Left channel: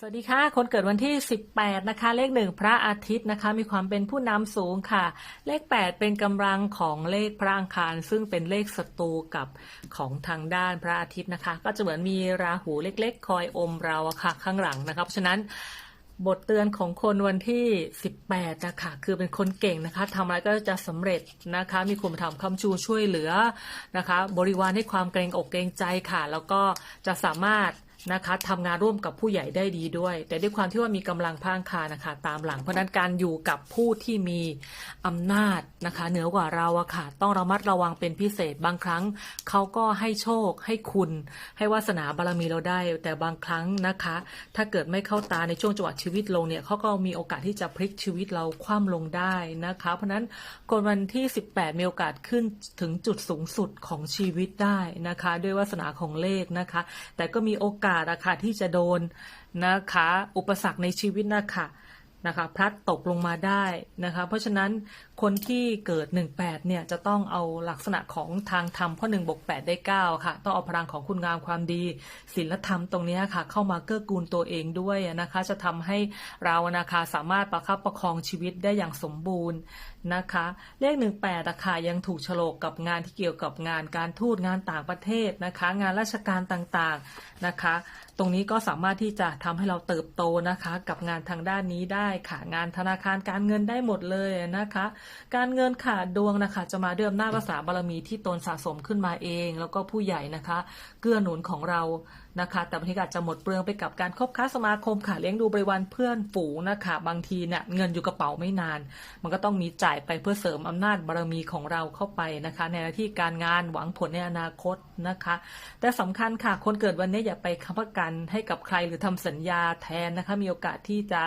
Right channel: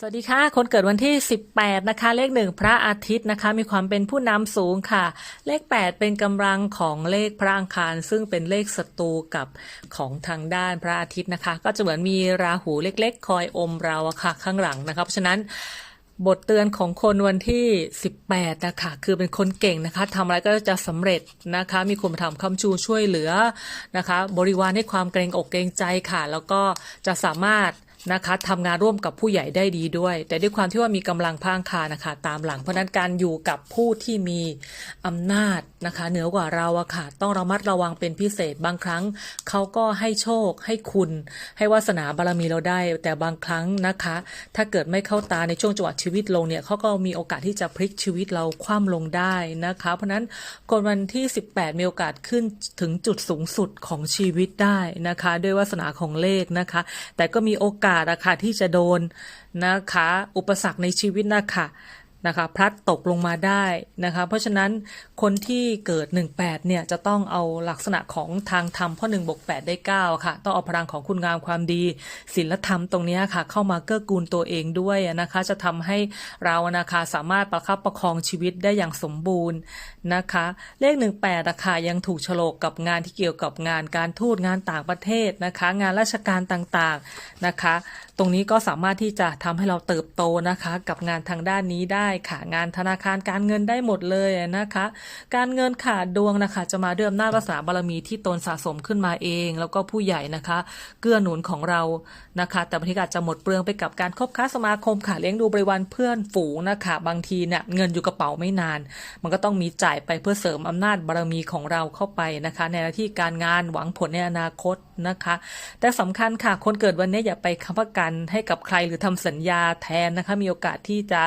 สวัสดีค่ะ คนเกิดวันที่ 18 นะคะ เลขหนึ่งพระอาทิตย์นะคะ มีความเป็นผู้นำสูงค่ะ เลข 8 เป็นกำลังของเลขพระอังคาร ซึ่งเป็นเลขศัตรูกับของทางด้านพระอาทิตย์นะคะ ก็จะเหมือนมีราหูเล็กๆ คอยอมเราอะค่ะ ข้างหลังนะคะเพราะฉะนั้นบทเตือนของคนวันที่ 18 นะคะ คือเป็นคนเก่งนะคะทำอะไรก็จะสำเร็จนะคะ มีคุณธรรมคำชูช่วยเหลือนะคะ บริวารให้ความเกรงอกเกรงใจค่ะ แล้วก็จะสามารถ นะคะทำงานร่วมกับผู้ใหญ่ได้ดีด้วย แต่ด้วยความที่ว่ามีกำลังพางคานะคะ ตามหลัง เพราะนั้นการอยู่กับผู้ที่มีอำนาจนะคะ เหนือกว่าเราอะค่ะต้องระมัดระวังเป็นพิเศษบางครั้งเขาก็ให้โชคให้คุณ ให้วาสนาบารมีเราได้ แต่บางครั้งนะคะ ถ้าเกิดไม่เข้าตาในช่วงจังหวะชีวิตลงเนี่ยเขาก็มีโอกาสที่จะพลิกชีวิตเราคว่ำลงได้นะคะ เพราะฉะนั้นคนวันที่ 18 มีโอกาสขึ้นถึงจุดสูงสุดของชีวิตได้นะคะ ด้วยวาสนาของเลขนะคะ แต่ก็มีโอกาสอะคะที่จะโดนนะคะ อุปสรรคในชีวิตนะคะ นะคะพลัดตกลงมาได้นะคะเพราะฉะนั้นคนที่เกิด 18เนี่ยจะต้องเอาลักษณะของทางธรรมเพราะ1บวก8ได้ 9 ค่ะ ต้องเอาพลังของคุณงามความดีศีลธรรมตรงนี้ค่ะ เข้ามาเกื้อกูลตัวเองด้วยนะคะ จะทำให้เรานะคะสามารถประคับประคองชีวิตได้อย่างสมบูรณ์นะคะ เลข 18อะค่ะยังถูกโฉลกกับงานที่เกี่ยวกับงานการทูตงานต่างประเทศนะคะ งานราชการต่างๆนะคะ ตรงนี้ก็สามารถที่จะทำให้เราเติบโตนะคะ กับงานทางด้านนี้ได้ค่ะงานธนาคารการเงินได้หมดเลยนะคะ การเงินขาดดวงนะคะ จะมาด้วยอำนาจวาสนาบารมีที่ตนสะสมขึ้นมาเอง แล้วก็ผู้ใหญ่นะคะ เกื้อหนุนของเรานะคะ แต่บางทีก็อาจจะหมดเปลืองไปกับการคบค้าสมาคมค่ะเลี้ยงดูบริวารเพื่อนฝูงนะคะ บางทีเนี่ยเงินอยู่กระเป๋าไม่นาน มันก็ต้องมีจ่ายไปเพื่อเสริมอำนาจบารมีของเราเข้าไปนะคะ ในหน้าที่การงานหวังผลในอนาคตนะคะ แต่สำคัญค่ะคนเกิดวันนี้อย่าไปค้ำประกันให้กับใครหรือทำสัญญาแทนนะคะ มีโอกาสที่จะ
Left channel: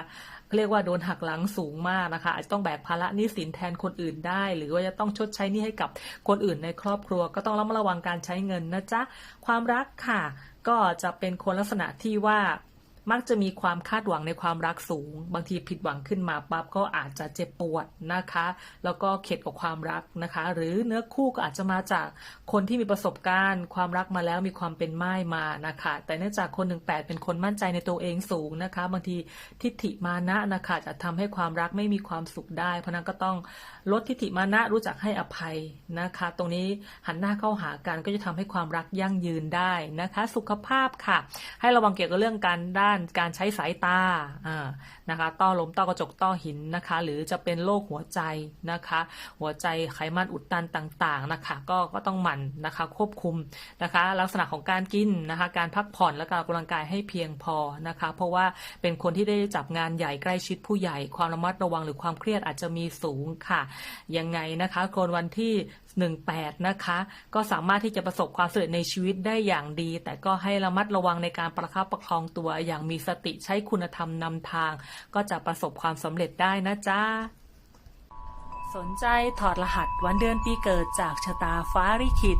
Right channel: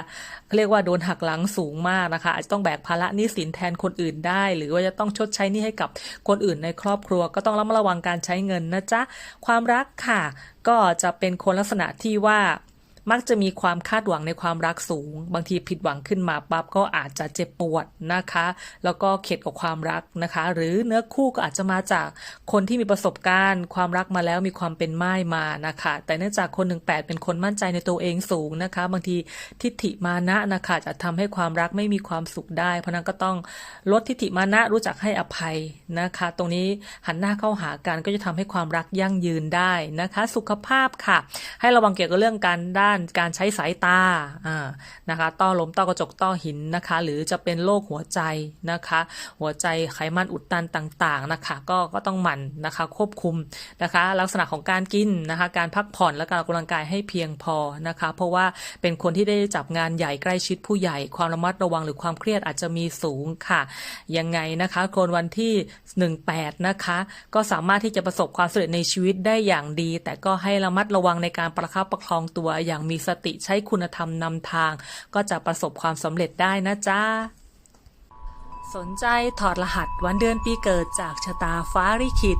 เรียกว่าโดนหักหลังสูงมากนะคะ อาจจะต้องแบกภาระหนี้สินแทนคนอื่นได้ หรือว่าจะต้องชดใช้หนี้ให้กับคนอื่นในครอบครัว ก็ต้องระมัดระวังการใช้เงินนะจ๊ะความรักค่ะ ก็จะเป็นคนลักษณะที่ว่า มักจะมีความคาดหวังในความรักสูง บางทีผิดหวังขึ้นมาปั๊บก็อาจจะเจ็บปวดนะคะ แล้วก็เข็ดกับความรักนะคะ หรือเนื้อคู่ก็อาจจะมาจากคนที่มีประสบการณ์ ความรักมาแล้วมีความเป็นไม้มานะคะ แต่เนื่องจากคนหนึ่งแปดเป็นคนมั่นใจในตัวเองสูงนะคะ บางทีทิฏฐิมานะนะคะจะทำให้ความรักไม่มีความสุขได้ เพราะนั้นก็ต้องลดทิฏฐิมานะรู้จักให้อภัยนะคะ ตรงนี้หันหน้าเข้าหากันก็จะทำให้ความรักยั่งยืนได้นะคะ สุขภาพค่ะ ให้ระวังเกี่ยวกับเรื่องการได้านการใช้สายตาอ่านะคะต้อลมต้อกระจกต้อหินนะคะ หรือจะเป็นโรคหัวใจนะคะ หัวใจไขมันอุดตันต่างๆนะคะ ก็ก็ต้องหมั่นนะคะควบคุมนะคะ ลักษณะของการกินนะคะ การพักผ่อนและการออกกำลังกายให้เพียงพอนะคะ เพราะว่าเป็นคนที่ได้จับงานใหญ่ใกล้ชิดผู้ใหญ่ ความระมัดระวังหรือความเครียดอาจจะมีสูงค่ะ ยังไงนะคะคนวันที่ 18 นะคะ ก็สามารถที่จะประสบความสำเร็จในชีวิตได้อย่างดี แต่ก็ให้ระมัดระวังในการประคับประคองตัวอย่างมีสติใช้คุณธรรมนำทาง ก็จะประสบความสำเร็จได้นะจ๊ะสนใจถอดรหัสวันเดือนปีเกิดจากชะตาฟ้าลิขิต